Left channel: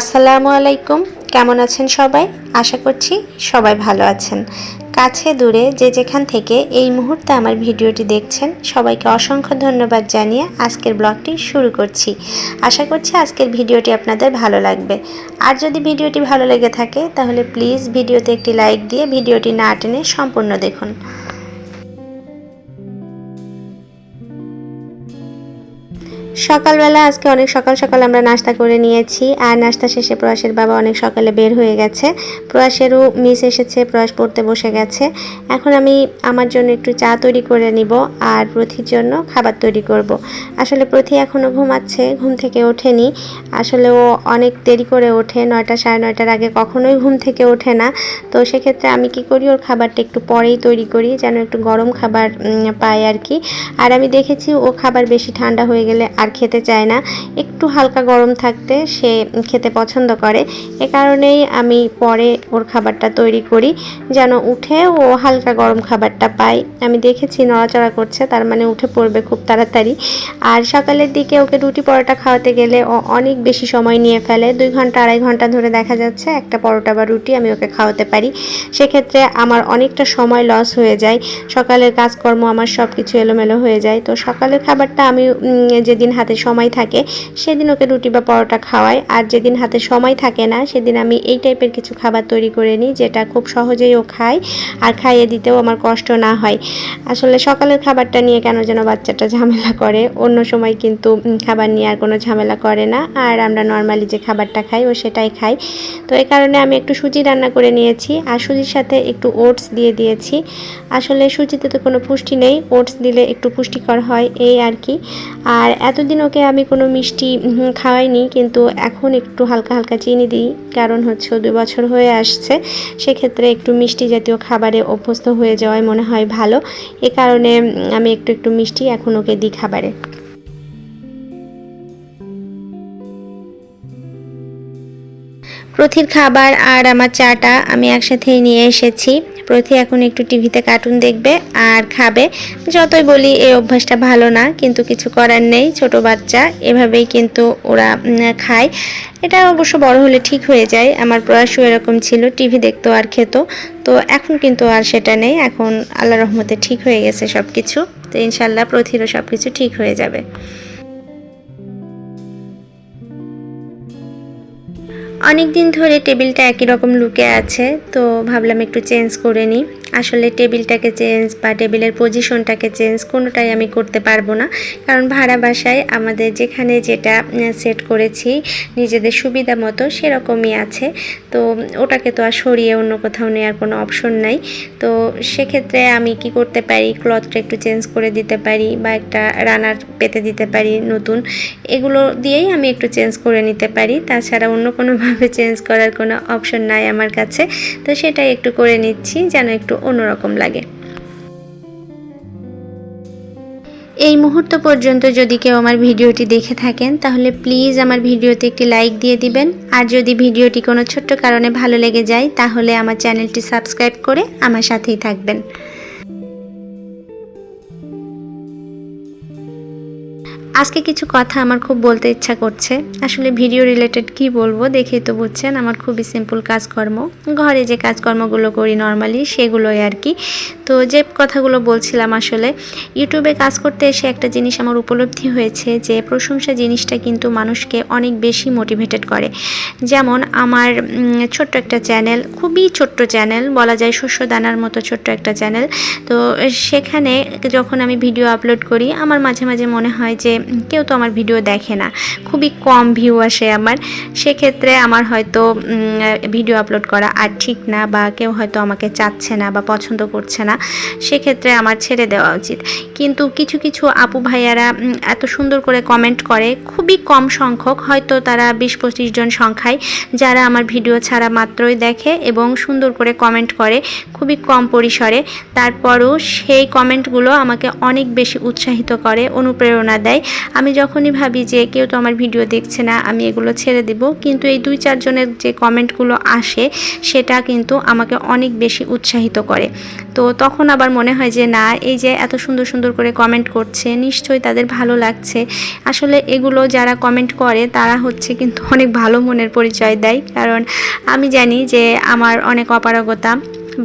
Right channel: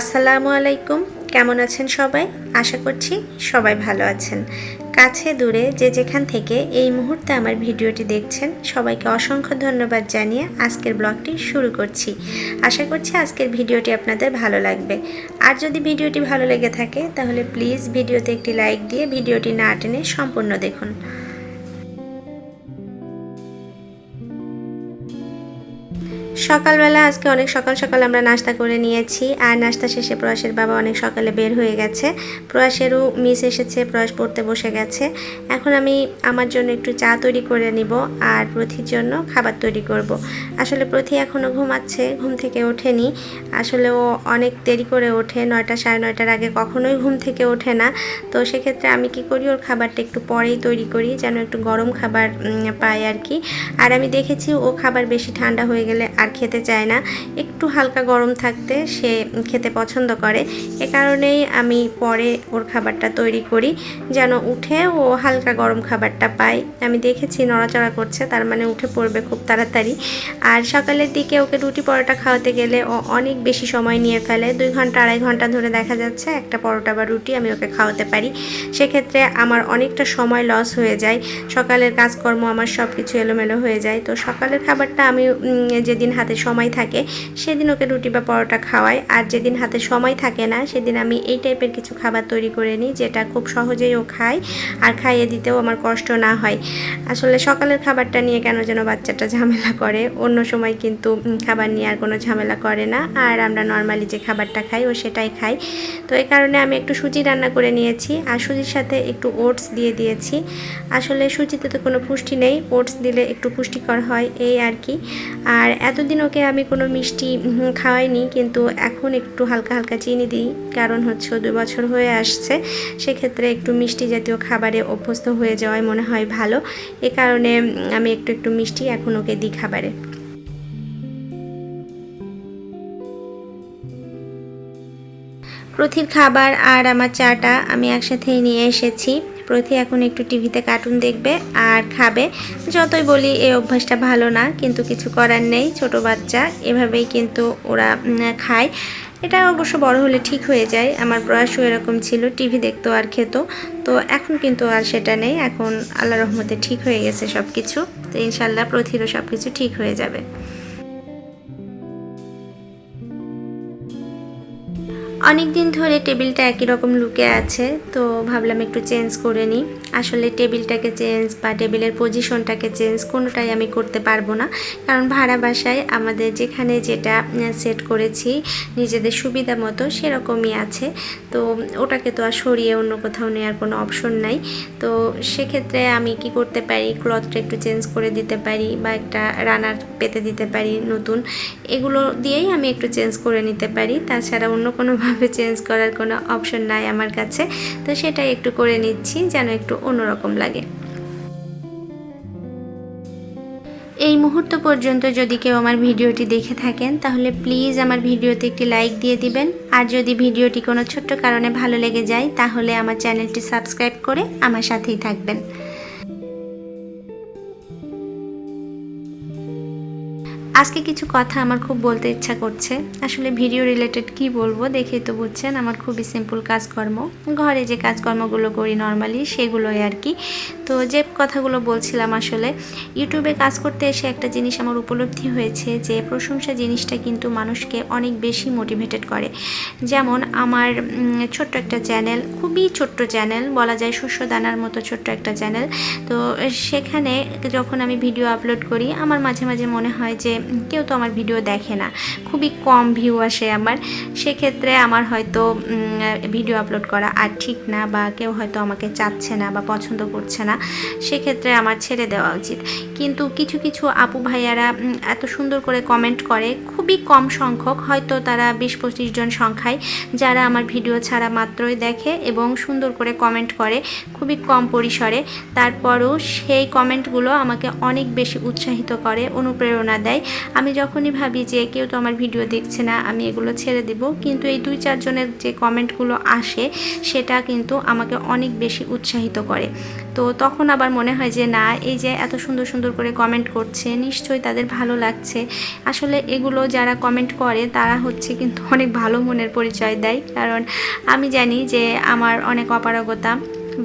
আসসালামু আলাইকুম। কেমন আছেন সবাই? আশা করছি সবাই ভালো আছেন। কাছে দূরে যে যেখান থেকে এই মুহূর্তে আমার ভিডিওটি দেখছেন সবাইকে অসংখ্য ধন্যবাদ জানিয়ে আজকের ব্লগটি শুরু করছি। আশা করছি আজকের ভিডিওটি আপনাদের ভালো লাগবে। আর যদি ভিডিওটি ভালো লেগে থাকে তাহলে প্লিজ ভিডিওতে একটি লাইক দিয়ে ভিডিওটি না টেনে সম্পূর্ণ দেখুন। সকালবেলা আজকে অনেক সকাল সকাল আমরা নাস্তা করে নিয়েছি। আর নাস্তা শেষে প্রয়াসের বাবা অনেক সকালে বের হয়ে গেছে। প্রয়াসেরও মিস এসেছে, প্রয়াস পড়তে বসে গেছে। এখন আমি আমার জন্য একটু চা তৈরি করে নিব আর প্রথির জন্য খাবার তৈরি করব। আসলে প্রথি এখনও ঘুমাচ্ছে, ঘুম থেকে ওঠেনি। আসলে ও অনেক দেরি করে ওঠে, 9টা সাড়ে 9টার আগে কখনোই ঘুম থেকে ওঠে না। তো সেক্ষেত্রে আমি কি করি, ওর খাবারটা একটু পরেই তৈরি করি যেন একটু গরম খাবার পায় আর কি। আর আমি দেখেছি ও খাবার বেশি ঠান্ডা হয়ে গেলে আর খেতে চায় না, একটু হালকা গরম থাকতে সে খেতে পছন্দ করে। এ কারণেই আমি পরে ওর খাবারটা তৈরি করি যেন উঠে ও হালকা গরম খাবারটা পায়। আমি দেখেছি নড়াচড়া করছে, তার মানে উঠে পড়বে খুব তাড়াতাড়ি। আর সকালের দিকে ওকে রুটি পরোটা খাওয়াতে গেলে ও অনেক বেশি সময় নিয়ে ফেলে। 2 ঘন্টা 2.5 ঘন্টা ধরে দেখা যাচ্ছে একটা পরোটা বা রুটি আমি ওকে খাওয়াতে পারি। সেক্ষেত্রে আমার অনেকটা সময় লস হয়ে যায়, সকালের কাজকর্ম আমার সব কিছু এলোমেলো হয়ে যায়। তো সকালের খাবারটা আমি যেদিন হাতে সময় থাকে সেদিন ওকে রুটি বা পরোটা খাওয়াই। আর যেদিন হাতে সময় থাকে না সেদিন আমি এই টাইপের কিছু খাবার তৈরি করে নিই যেটা খুব সহজেই ও খায় আর খাইয়ে দিতেও আমার কষ্ট না হয়। আসলে সকালের খাবারটা নিয়ে কেন যেন বাচ্চাটা ঝামেলা করে, অন্য সময় কিন্তু খাবার নিয়ে আর কোনো ঝামেলা করে না। আর আমরা নর্মালি যে খাবারটা খাই ও সেটাই খাই। তো এই কারণে আমি একটু সুজি রান্না করে নিয়েছি আর সুজির সাথে একটু ওটস দিয়ে দিয়েছি। আসলে সুজিতে তো কোনো পুষ্টি নেই, ওটস দিলে একটু পুষ্টিকর হয় এই আর কি। আর এতদিন ওকে আমি কোনো মিষ্টি খাওয়াইনি, কিন্তু এখন একটু হালকা হালকা চিনি দিই, কারণ হচ্ছে 2 বছর হয়ে আসছে। সেক্ষেত্রে একটু মিষ্টি জাতীয় খাবারে অভ্যস্ত হয়ে যাওয়াই মনে হয় ভালো। এ কারণে আমি একটু একটু মিষ্টি এখন ওকে দিই খাবারে। প্রথির খাবার আর আমার চাটা আমি একসাথেই নিয়ে এসেছি। প্রথি এখন একটু টিভিতে কার্টুন দেখবে আর খাবে। যতই বলি এই অভ্যাসটা ভালো না, কিন্তু কিছু করার নেই, ছোট বাচ্চা এভাবেই কিন্তু ওরা খায়। এটা অবশ্য বড় হলে ঠিক হয়ে যায়। আমার প্রয়াসও এরকম ছিল, টিভি দেখতো আর খেত। তো এখন কিন্তু আর সেটা নেই, এখন আল্লাহর রহমতে ঠিক হয়ে গেছে সব কিছু। তো ইনশাল্লাহ প্রথিরও সব কিছু ঠিক হয়ে যাবে। অনেক দিন ধরে টেবিলটা একই রকম লুকে আছে, তো ভাবলাম একটু চেঞ্জ করে নিই। আসলে টেবিলটাকে চেঞ্জ বা টেবিলের পজিশনটাকে চেঞ্জ কোনোটাই আমি করতে পারবো না, কারণ ভাড়া বাসায় আমাদের যেখানে যেটা সেট করেছি নিজেদের সুবিধা মতো সেরকমই আছে। তো ওটাকে তো আর সরিয়ে অন্য কোথাও নেওয়ার কোনো অপশন নাই। তো সেক্ষেত্রে আমি কি করতে পারি, ক্লথটা একটু চেঞ্জ করে দিতে পারি বা একটা রানার পেতে দিতে পারি নতুন, এগুলো দিয়েই আমি একটু চেঞ্জ করে নিতে পারি। তাছাড়া অন্য কোনোভাবে চেঞ্জ করার কোনো অপশন নাই আমার কাছে। তো সেটাই একটু করে নিচ্ছি যেন একটু অন্যরকম লাগে। এই মুহূর্ত পর্যন্ত যদি কেউ আমার ভিডিওটি দেখে থাকেন তাহলে প্লিজ আমার ভিডিওতে একটি লাইক দিয়ে দিবেন। আর যদি ভিডিওটি কোনো ছোট্ট কারণে ভালো লেগে যায় তাহলে আমার চ্যানেলটি সাবস্ক্রাইব করে আমার সাথেই থাকবেন। আজকে কিছু কথা আমার খুব বলতে ইচ্ছা করছে। আসলে ভিডিও রিলেটেড কি বলবো দেখেই তো বুঝছেন, আমার খুবই সিম্পল কাজকর্ম, ঘরে যে কাজকর্মগুলো করি নর্মালি সেগুলোই আর কি। তো যে কথাগুলো বলছিলাম, আসলে ইউটিউবে কাজ করতে এসে একটা জিনিস আমার উপলব্ধি হয়েছে যে প্রশংসা জিনিসটা কিন্তু মানুষকে অনেক বেশি মোটিভেটেড করে। যেমন আমার ছোট্ট একটা চ্যানেল, খুবই ছোট্ট চ্যানেল বলা যায়, শস্য দানার মতো ছোট্ট একটা চ্যানেল। তো সেখানে যখন আমি ভিডিও আপলোড করি আমার মাঝে মাঝে মনে হয় যে কেউ তো আমার ভিডিও দেখে না, খুবই কম ভিউ আসে আমার। সেক্ষেত্রে আমার হয়তো ভিডিও আপলোড করা আর ঠিক না, বা কেউ হয়তো আমাকে চাচ্ছে না বা পছন্দ করছে না, সেক্ষেত্রে আমার ছেড়ে দেওয়া উচিত। কিন্তু কিছু কিছু আপু ভাইয়ারা এত সুন্দর করে কমেন্ট করে, খুবই কম সংখ্যক, হয়তো তারা 20-25 জন সংখ্যায়, যারা আমার ভিডিও ছাড়া মাত্রই দেখে এবং সুন্দর করে কমেন্ট করে খুবই কম পরিসরে। তারপরও সেই কমেন্টগুলো আমাকে অনেক বেশি উৎসাহিত করে, অনুপ্রেরণা দেয় আমি যখনই ভাবি যে কেউ তো আমার ভিডিও দেখছে না, আমি এগুলো ছেড়ে দিব, কিন্তু এই 2-4 জনের যে কমেন্টগুলো আসে সেটা কিন্তু আমাকে অনেক বেশি উৎসাহিত করে। তো তখন আবার মনে হয় যে না, এই যে এত সুন্দর সুন্দর করে কমেন্ট করছে, নিশ্চয়ই তাদের ভালো লাগছে। আসলে এগুলো যারা কমেন্ট করে তারা হচ্ছে কিন্তু অনেক ভালো মনের পরিচয় দেয়, কারণ আমি জানি যে আমার অনেক অপারগতা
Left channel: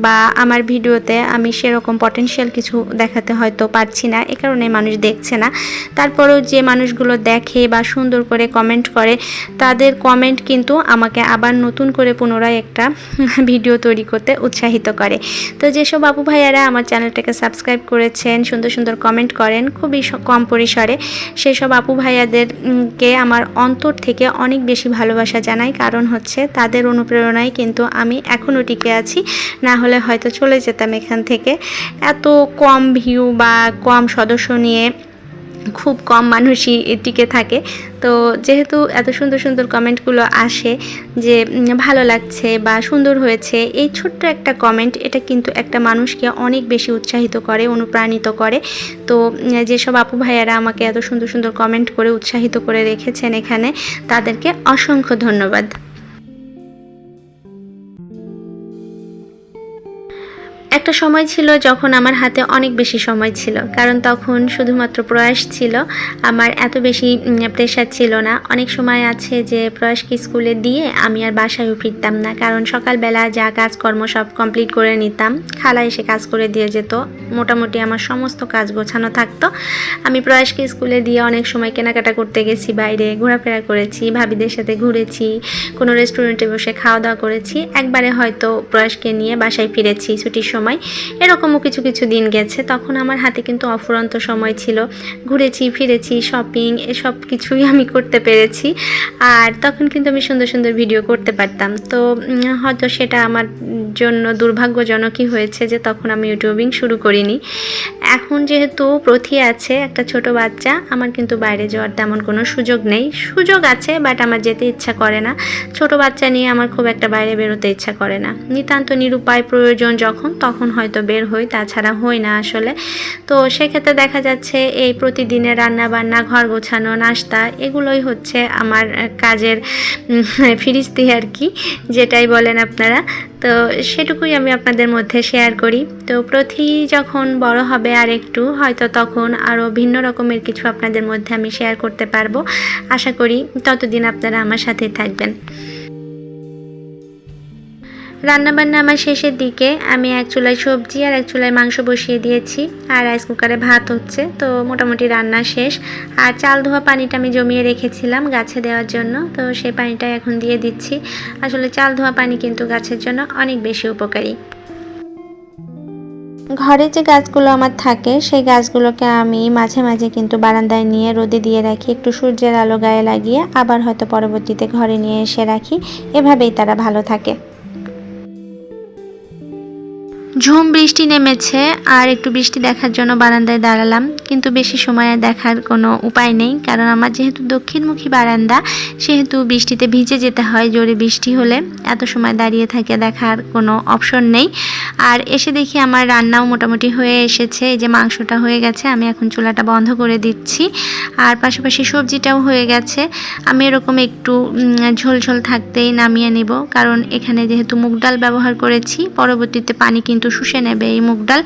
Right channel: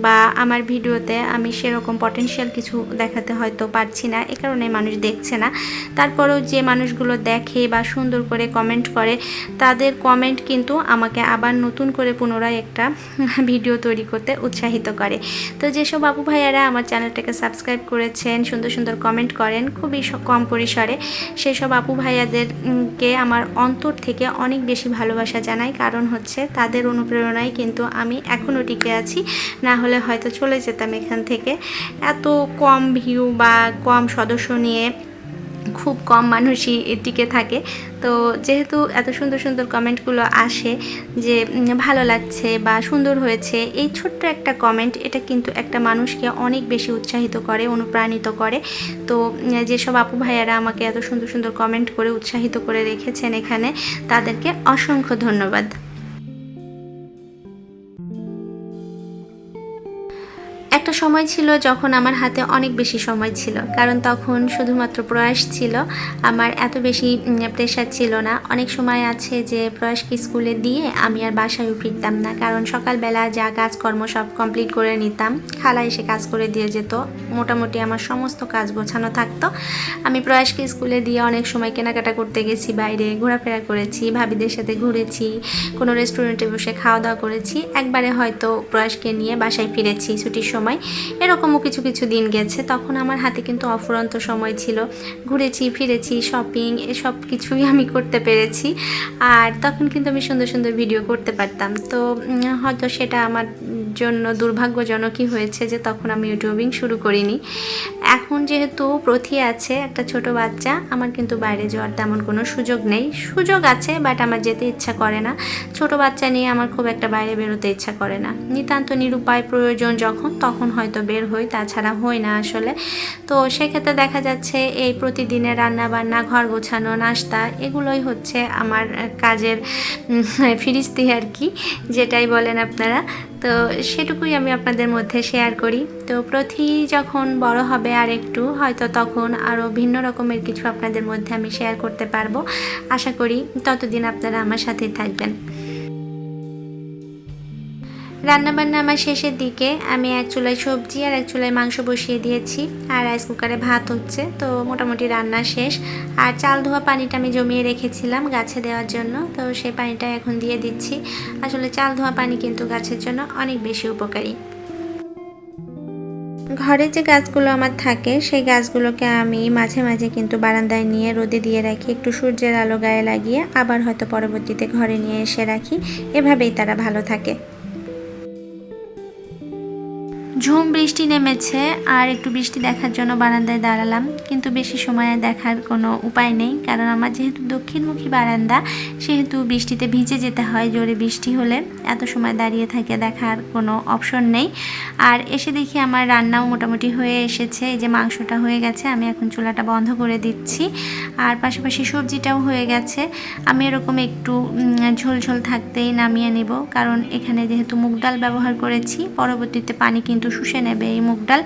বা আমার ভিডিওতে আমি সেরকম পটেনশিয়াল কিছু দেখাতে হয়তো পারছি না, এ কারণে মানুষ দেখছে না। তারপরেও যে মানুষগুলো দেখে বা সুন্দর করে কমেন্ট করে, তাদের কমেন্ট কিন্তু আমাকে আবার নতুন করে পুনরায় একটা ভিডিও তৈরি করতে উৎসাহিত করে। তো যেসব আপু ভাইয়ারা আমার চ্যানেলটাকে সাবস্ক্রাইব করেছেন, সুন্দর সুন্দর কমেন্ট করেন খুবই কম পরিসরে, সেসব আপু ভাইয়াদেরকে আমার অন্তর থেকে অনেক বেশি ভালোবাসা জানাই। কারণ হচ্ছে তাদের অনুপ্রেরণায় কিন্তু আমি এখনও টিকে আছি, না হলে হয়তো চলে যেতাম এখান থেকে। এত কম ভিউ বা কম সদস্য নিয়ে খুব কম মানুষই টিকে থাকে। তো যেহেতু এত সুন্দর সুন্দর কমেন্টগুলো আসে যে ভালো লাগছে বা সুন্দর হয়েছে, এই ছোট্ট একটা কমেন্ট এটা কিন্তু একটা মানুষকে অনেক বেশি উৎসাহিত করে, অনুপ্রাণিত করে। তো যেসব আপু ভাইয়ারা আমাকে এত সুন্দর সুন্দর কমেন্ট করে উৎসাহিত করে রেখেছেন এখানে, তাদেরকে অসংখ্য ধন্যবাদ। একটা সময় ছিল যখন আমার হাতে অনেক বেশি সময় ছিল, কারণ তখন শুধুমাত্র প্রয়াস ছিল, আমার এত বেশি প্রেশার ছিল না। অনেক সময় আছে যে প্রয়াসকে স্কুলে দিয়ে আমি আর বাসায়ও ফিরতাম না, কারণ সকালবেলা যা কাজকর্ম সব কমপ্লিট করে নিতাম, খালা এসে কাজ করে দিয়ে যেত, মোটামুটি আমার সমস্ত কাজ গোছানো থাকতো। আমি প্রয়াসকে স্কুলে দিয়ে অনেক সময় কেনাকাটা করতে গেছি, বাইরে ঘোরাফেরা করেছি, ভাবিদের সাথে ঘুরেছি, কোনো রেস্টুরেন্টে বসে খাওয়া দাওয়া করেছি, একবারে হয়তো প্রয়াসকে নিয়ে বাসায় ফিরেছি ছুটির সময়। এরকমও কিছু কিছু দিন গেছে, তখন আমার হাতে কিন্তু অফুরন্ত সময় ছিল, ঘুরেছি ফিরেছি, শপিং এসব কিছুই আমি করতে পেরেছি। আর তখন কিন্তু আমি সুন্দর সুন্দর ভিডিও করতে পারতাম। তো হয়তো সেটা আমার জন্য দুর্ভাগ্যজনকই হয়েছে যে তখন আমি ইউটিউবিং শুরু করিনি। এখন যেহেতু প্রথি আছে, একটা ছোট বাচ্চা, আমার কিন্তু বাইরে যাওয়ার তেমন কোনো সুযোগ নেই। সুযোগ আছে বাট আমার যেতে ইচ্ছা করে না। ছোট বাচ্চা নিয়ে আমার খুব একটা বাইরে বেরোতে ইচ্ছা করে না। নিতান্ত নিরুপায় প্রয়োজন যখন, তখন হয়তো বের হই, তাছাড়া হই না আসলে। তো সেক্ষেত্রে দেখা যাচ্ছে এই প্রতিদিনের রান্না বান্না, ঘর গোছানো, নাস্তা, এগুলোই হচ্ছে আমার কাজের ফিরিস্তি আর কি, যেটাই বলেন আপনারা। তো সেটুকুই আমি আপনাদের মধ্যে শেয়ার করি। তো প্রতি যখন বড় হবে আর একটু, হয়তো তখন আরও ভিন্ন রকমের কিছু আপনাদের মধ্যে আমি শেয়ার করতে পারবো। আশা করি ততদিন আপনারা আমার সাথেই থাকবেন। রান্নাবান্না আমার শেষের দিকে, আমি এক চুলায় সবজি আর এক চুলায় মাংস বসিয়ে দিয়েছি, আর রাইস কুকারে ভাত হচ্ছে। তো মোটামুটি রান্না শেষ। আর চাল ধোয়া পানিটা আমি জমিয়ে রেখেছিলাম গাছে দেওয়ার জন্য, তো সেই পানিটাই এখন দিয়ে দিচ্ছি। আসলে চাল ধোয়া পানি কিন্তু গাছের জন্য অনেক বেশি উপকারী। ঘরে যে গাছগুলো আমার থাকে, সেই গাছগুলোকে আমি মাঝে মাঝে কিন্তু বারান্দায় নিয়ে রোদে দিয়ে রাখি, একটু সূর্যের আলো গায়ে লাগিয়ে, আবার হয়তো পরবর্তীতে ঘরে নিয়ে এসে রাখি। এভাবেই তারা ভালো থাকে। ঝুম বৃষ্টি নেমেছে, আর একটু বৃষ্টি দেখার জন্য বারান্দায় দাঁড়ালাম, কিন্তু বেশি সময় দেখার কোনো উপায় নেই, কারণ আমার যেহেতু দক্ষিণমুখী বারান্দা, সেহেতু বৃষ্টিতে ভিজে যেতে হয়। জোরে বৃষ্টি হলে এত সময় দাঁড়িয়ে থেকে দেখার কোনো অপশন নেই। আর এসে দেখি আমার রান্নাও মোটামুটি হয়ে এসেছে, এই যে মাংসটা হয়ে গেছে, আমি এখন চুলাটা বন্ধ করে দিচ্ছি। আর পাশাপাশি সবজিটাও হয়ে গেছে। আমি এরকম একটু ঝোল ঝোল থাকতেই নামিয়ে নিব, কারণ এখানে যেহেতু মুগ ডাল ব্যবহার করেছি, পরবর্তীতে পানি কিন্তু শুষে নেবে এই মুগ ডাল।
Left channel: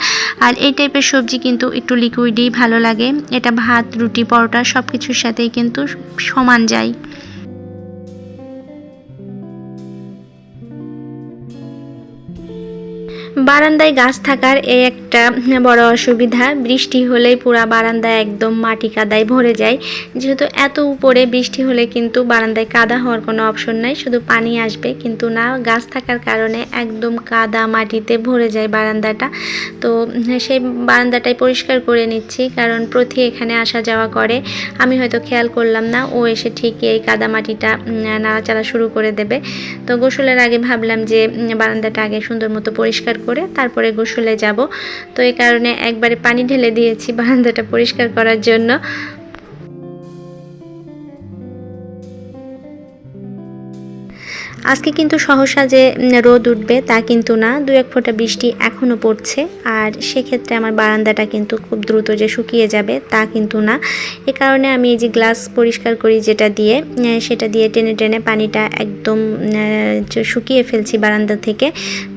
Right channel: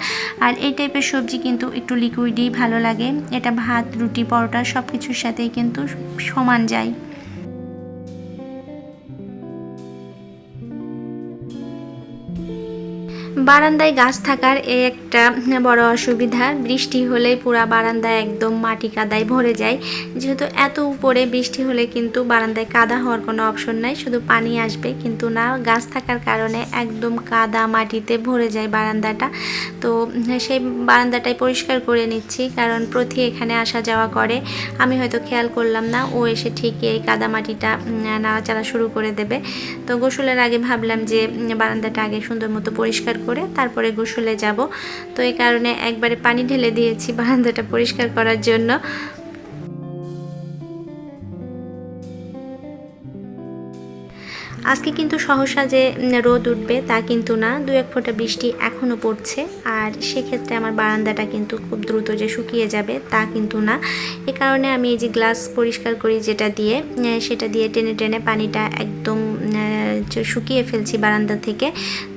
আর এই টাইপের সবজি কিন্তু একটু লিকুইডই ভালো লাগে, এটা ভাত, রুটি, পরোটা সব কিছুর সাথেই কিন্তু সমান যায়। বারান্দায় গাছ থাকার এই একটা বড় অসুবিধা, বৃষ্টি হলেই পুরা বারান্দা একদম মাটি কাদায় ভরে যায়। যেহেতু এত উপরে, বৃষ্টি হলে কিন্তু বারান্দায় কাদা হওয়ার কোনো অপশন নাই, শুধু পানি আসবে, কিন্তু না, গাছ থাকার কারণে একদম কাদা মাটিতে ভরে যায় বারান্দাটা। তো সেই বারান্দাটাই পরিষ্কার করে নিচ্ছি, কারণ প্রতি এখানে আসা যাওয়া করে, আমি হয়তো খেয়াল করলাম না, ও এসে ঠিক এই কাদা মাটিটা নাড়াচাড়া শুরু করে দেবে। তো গোসলের আগে ভাবলাম যে বারান্দাটা আগে সুন্দর মতো পরিষ্কার করে তারপরে গোসলে যাব। তো এই কারণে একবারে পানি ঢেলে দিয়েছি বারান্দাটা পরিষ্কার করার জন্য। আজকে কিন্তু সহসা যে রোদ উঠবে তা কিন্তু না, দু এক ফোঁটা বৃষ্টি এখনও পড়ছে। আর সেক্ষেত্রে আমার বারান্দাটা কিন্তু খুব দ্রুত যে শুকিয়ে যাবে তা কিন্তু না। এ কারণে আমি এই যে গ্লাস পরিষ্কার করি যেটা দিয়ে, সেটা দিয়ে টেনে টেনে পানিটা একদম শুকিয়ে ফেলছি বারান্দা থেকে।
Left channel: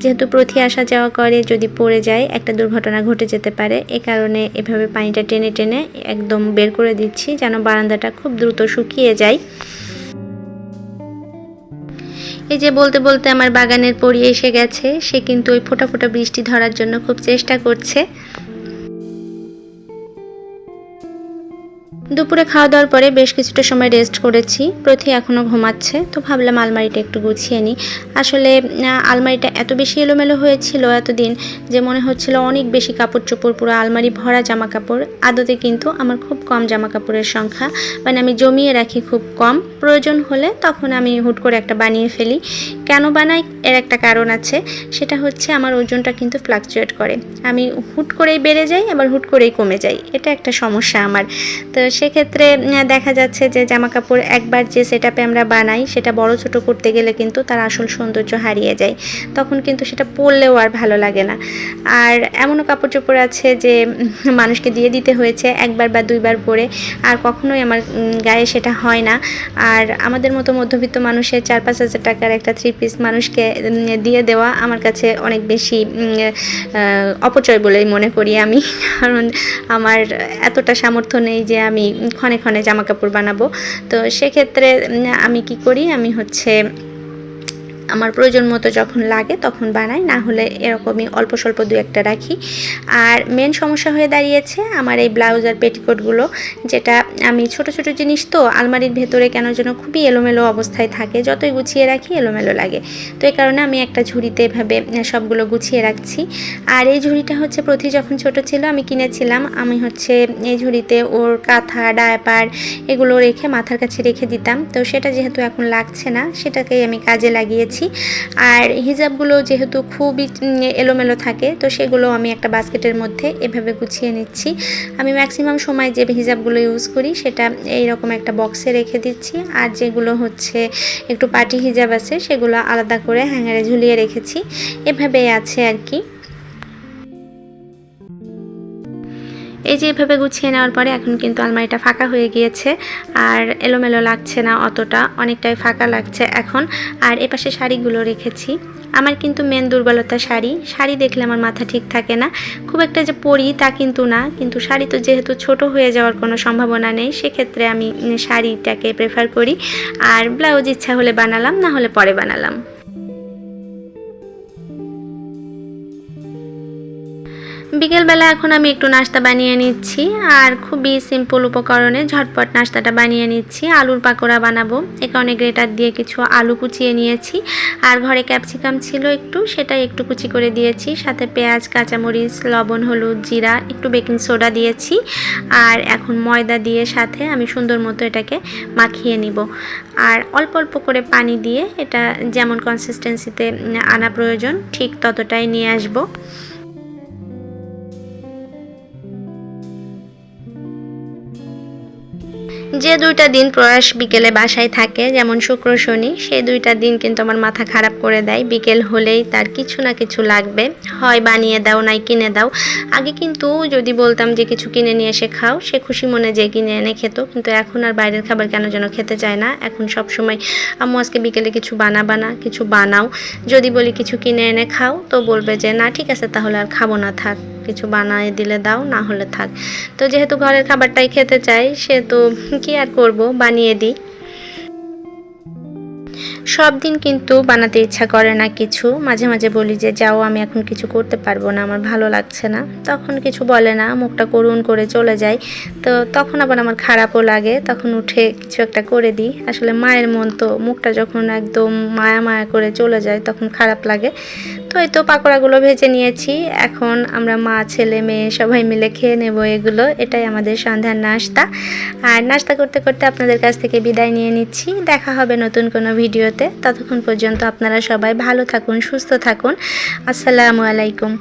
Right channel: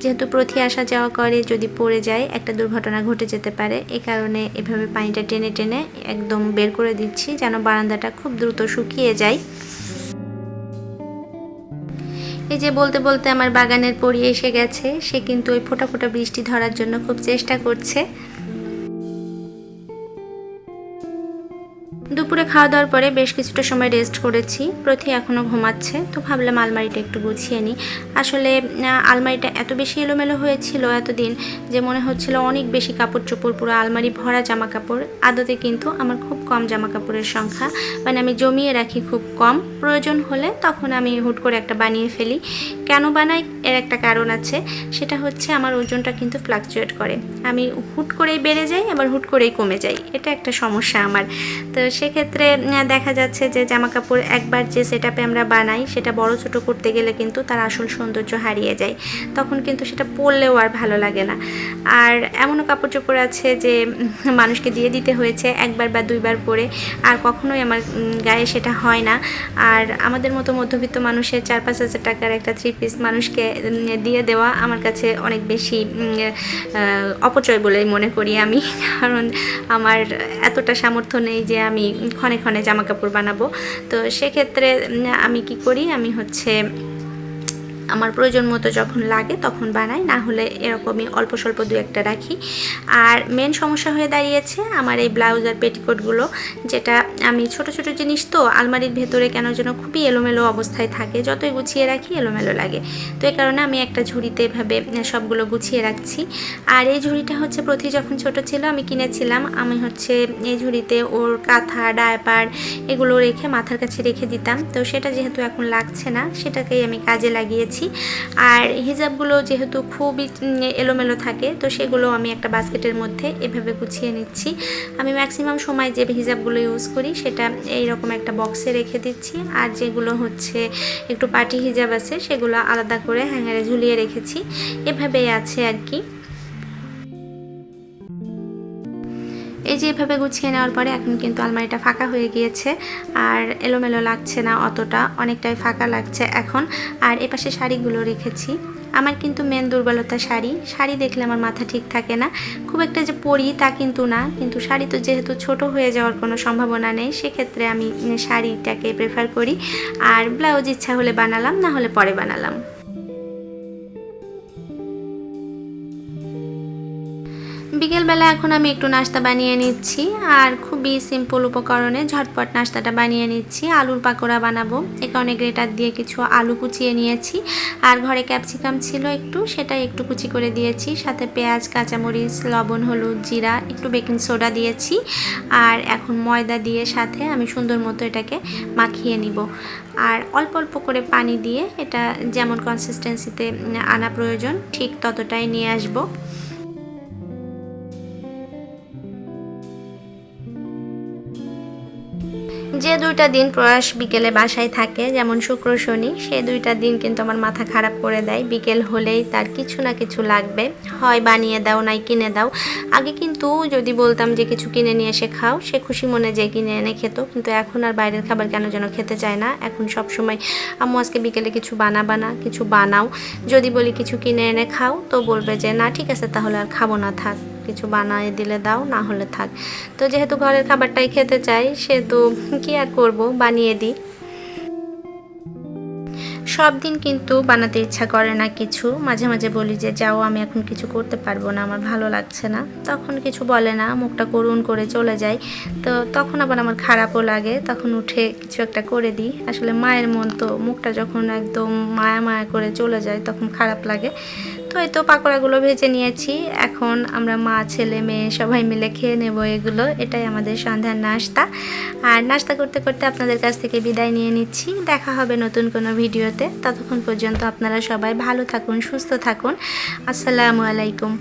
যেহেতু প্রতি আসা যাওয়া করে, যদি পড়ে যায় একটা দুর্ঘটনা ঘটে যেতে পারে, এ কারণে এভাবে পানিটা টেনে টেনে একদম বের করে দিচ্ছি যেন বারান্দাটা খুব দ্রুত শুকিয়ে যায়। এই যে বলতে বলতে আমার বাগানের পরী এসে গেছে, সে কিন্তু ওই ফোঁটা ফোঁটা বৃষ্টি ধরার জন্য খুব চেষ্টা করছে। দুপুরে খাওয়া দাওয়ার পরে বেশ কিছুটা সময় রেস্ট করেছি। প্রতি এখনও ঘুমাচ্ছে, তো ভাবলাম আলমারিটা একটু গুছিয়ে নিই। আসলে আলমারিটা এত বেশি এলোমেলো হয়েছিল এতদিন যে মনে হচ্ছিল অনেক বেশি কাপড় চোপড়, পুরো আলমারি ভরা জামা কাপড়। আদতে কিন্তু আমার খুব কম জামা কাপড়ের সংখ্যা, মানে আমি জমিয়ে রাখি খুব কম। প্রয়োজন হলে তখন আমি হুট করে একটা বানিয়ে ফেলি। কেন বানাই এর একটা কারণ আছে, সেটা হচ্ছে আমার ওজনটা কিন্তু ফ্লাকচুয়েট করে। আমি হুট করেই বেড়ে যাই, আবার হুট করেই কমে যাই, এটা একটা সমস্যা আমার। তো সেক্ষেত্রে দেখা যাচ্ছে যে জামা কাপড় একবার যে সেটআপে আমরা বানাই, সেটা বড় ছোট করতে গেলে কিন্তু তার আসল সৌন্দর্য হারিয়ে যায়। তখন কিন্তু সেটা পরলেও আর ভালো লাগে না। আর এমনও কাপড় চোপড় আছে যে মানুষকে দিয়ে দিতে হয়েছে একবার বা দুইবার পরে, আর কখনোই আমার গায়ে সেটা হয় না। আর আমাদের মতো মধ্যবিত্ত মানুষের 4-5 হাজার টাকার একটা 3 পিস মানুষকে দিয়ে দেওয়া আমার কাছে অনেক বেশি অপচয় বলেই মনে করি আমি। কারণ আমার এতটা সামর্থ্য নেই যে আমি ক্ষণে ক্ষণে জামা কাপড় বানাবো। তো সেক্ষেত্রে আমি কি করি, আমি আমার প্রয়োজন মতো যখন লাগে তখন বানাই, না হলে এরকমই অল্প স্বল্প দু একটা রাখি। আর মেন সমস্যা হয়ে দাঁড়িয়েছে আমার এই ব্লাউজ আর পেটিকোটগুলো, যেটা আমি ছোট ছোট জিনিস তো আলমারির ভেতরে কেন যেন খুবই এলোমেলো অবস্থায় থাকে, যতই গুছিয়ে রাখি এলোমেলো লাগে। তো এই কারণে আমি একটা ঝুড়িতে এভাবে সবগুলো গুছিয়ে রাখছি। আর এই ঝুড়িটা হচ্ছে প্রতি যখন ছোট ছিল আমি কিনেছিলাম। আমি এই ঝুড়িতে ওর কাঁথা ডায়পার এগুলো রেখে মাথার কাছে রেখে দিতাম। তো সেটা যেহেতু এখন লাগছে না, সেটাকেই আমি কাজে লাগিয়েছি। আর হিজাবগুলো যেহেতু খুবই এলোমেলো থাকে, তো সেগুলো আমি একটা বাস্কেটের মধ্যে এভাবে গুছিয়ে নিচ্ছি। আমি ম্যাক্সিমাম সময় যে হিজাবগুলো ইউজ করি সেটা এইরকম একটা বক্সে রেখে দিচ্ছি। আর যেগুলো একটু পার্টি হিজাব আছে, সেগুলো আলাদা করে হ্যাঙ্গারে ঝুলিয়ে রেখেছি। এভাবেই আছে আর কি। এই যে এভাবে গুছিয়ে নেওয়ার পরে এখন কিন্তু আলমারিটা ফাঁকা হয়ে গিয়েছে, আর এলোমেলো লাগছে না অতটা, অনেকটাই ফাঁকা লাগছে এখন। আর এপাশে শাড়িগুলো রেখেছি। আমার কিন্তু মেন দুর্বলতা শাড়ি দেখলে আমার মাথা ঠিক থাকে না। খুব একটা যে পরি তা কিন্তু না, কিন্তু শাড়ি তো যেহেতু ছোট হয়ে যাওয়ার কোনো সম্ভাবনা নেই, সেক্ষেত্রে আমি শাড়িটাকে প্রেফার করি। আর ব্লাউজ ইচ্ছা হলে বানালাম, না হলে পরে বানালাম। বিকেলবেলা এখন আমি একটু নাস্তা বানিয়ে নিচ্ছি, আর খুবই সিম্পল উপকরণে ঝটপট নাস্তাটা বানিয়ে নিচ্ছি। আলুর পাকোড়া বানাবো, এ কারণে গ্রেটার দিয়ে কিছু আলু কুচিয়ে নিয়েছি। আর ঘরে ক্যাপসিকাম ছিল একটু, সেটাই একটু কুচি করে দিয়েছি। সাথে পেঁয়াজ, কাঁচামরিচ, লবণ, হলুদ, জিরা, একটু বেকিং সোডা দিয়েছি। আর এখন ময়দা দিয়ে সাথে আমি সুন্দর মতো এটাকে মাখিয়ে নিব। আর অল্প অল্প করে পানি দিয়ে এটা যেমন কনসিস্টেন্সিতে আনা প্রয়োজন ঠিক ততটাই নিয়ে আসবো। যে 2টা দিন প্রয়াস বিকেলে বাসায় থাকে, যেমন শুক্র শনি, সেই 2টা দিন কিন্তু আমার মাথা খারাপ করে দেয়। বিকেল হলেই তার কিছু না কিছু লাগবে, হয় বানিয়ে দাও নাই কিনে দাও। আগে কিন্তু যদি বলতাম যে কিছু কিনে নিয়ে এসে খাও, সে খুশি মনে যে কিনে এনে খেত, কিন্তু এখন আর বাইরের খাবার কেন যেন খেতে চায় না। এখন সব সময় আম্মু আজকে বিকেলে কিছু কিছু বানাও। যদি বলি কিছু কিনে এনে খাও, তো বলবে যে না ঠিক আছে তাহলে আর খাবো না, থাক, কিছু বানিয়ে দিলে দাও, না হলে থাক। তো যেহেতু ঘরের খাবারটাই খেতে চাই, সে তো কি আর করব, বানিয়ে দিই। সব দিন কিন্তু বানাতে ইচ্ছা করে না কিছু, মাঝে মাঝে বলি যে যাও আমি এখন কিছু করতে পারবো না, আমার ভালো লাগছে না, তখন কিছু বলে না, মুখটা করুণ করে চলে যায়। তো তখন আবার আমার খারাপও লাগে, তখন উঠে কিছু একটা করে দিই। আসলে মায়ের মন তো, মুখটা যখন একদম মায়া মায়া করে চলে যায় তখন খারাপ লাগে। তো এই তো পাকোড়াগুলো ভেজে নিয়েছি, এখন আমরা মা ছেলে মেয়ে সবাই মিলে খেয়ে নেব এগুলো। এটাই আমাদের সন্ধ্যার নাস্তা। আর নাস্তা করতে করতে আপনাদের কাছ থেকে বিদায় নিয়ে নিচ্ছি। দেখা হবে নতুন কোনো ভিডিওতে। ততক্ষণ পর্যন্ত আপনারা সবাই ভালো থাকুন, সুস্থ থাকুন। আসসালামু আলাইকুম।